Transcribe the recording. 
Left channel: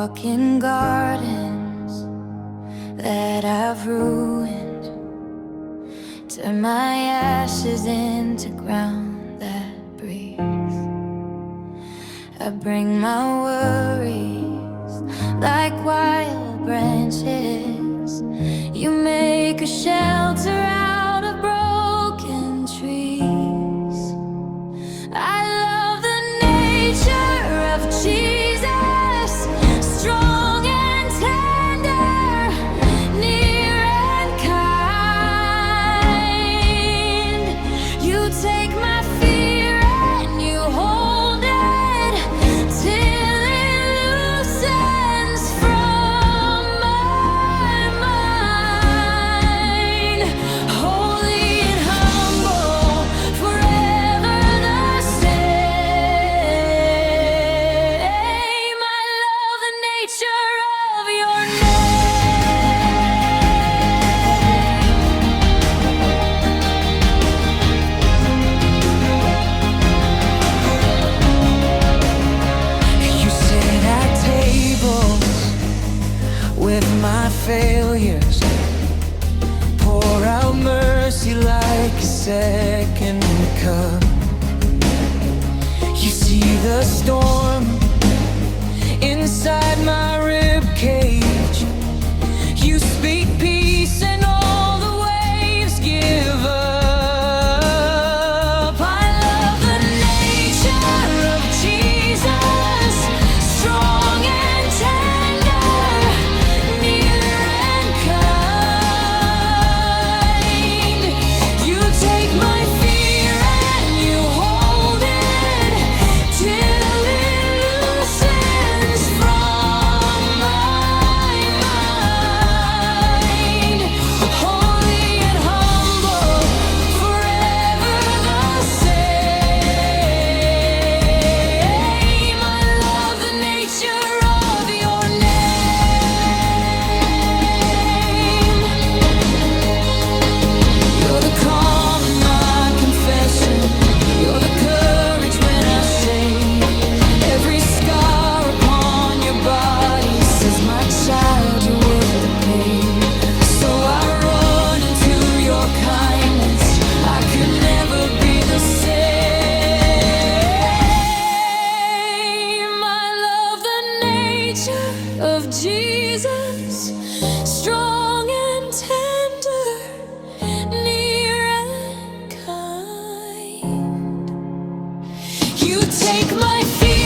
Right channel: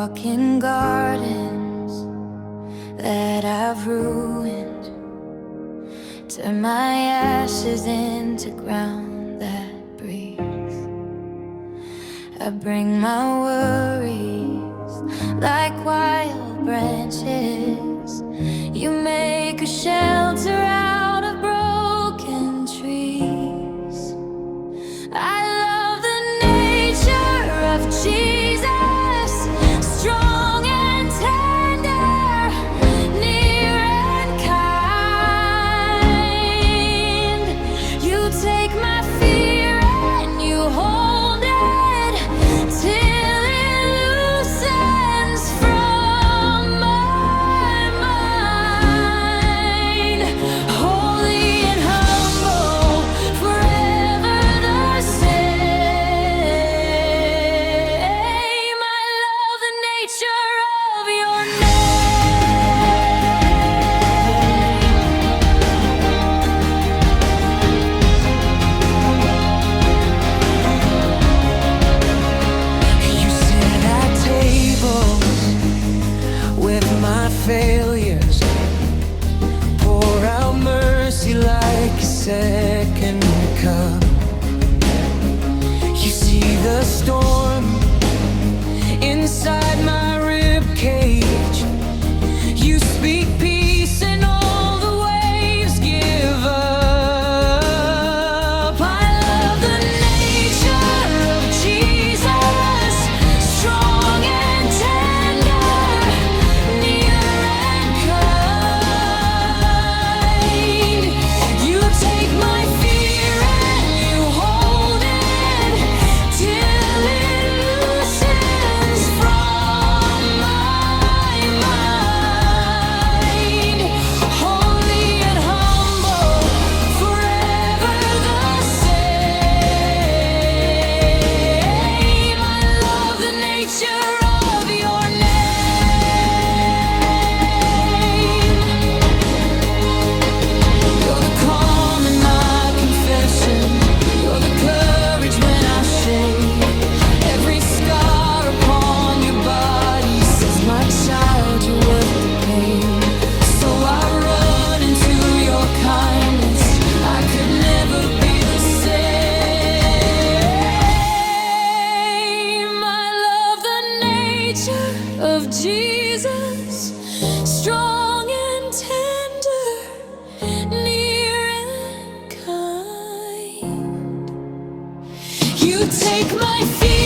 walk in gardens that I've ruined, turn my ashes into ground that breathes. I bring my worries like wild branches. You make a shelter out of broken trees. I love the nature of Jesus, strong and tender, near and kind. You take my fear and you hold it till it loosens from my mind. Holy and humble, forever the same. I love the nature of your name. You sit at tables with my failures, pour out mercy like a second cup. You see the storm inside my rib cage. You speak peace and all the waves give up. I love the nature of Jesus, strong and tender, near and kind. You take my fear and you hold it till it loosens from my mind. Holy and humble, forever the same. I love the nature of your name. You're the calm in my confession. You're the courage when I shake. Every scar upon your body says, my child, you're worth the pain. So I run into your kindness. I could never be the same. I love the nature of Jesus, strong and tender, near and kind. You take my fear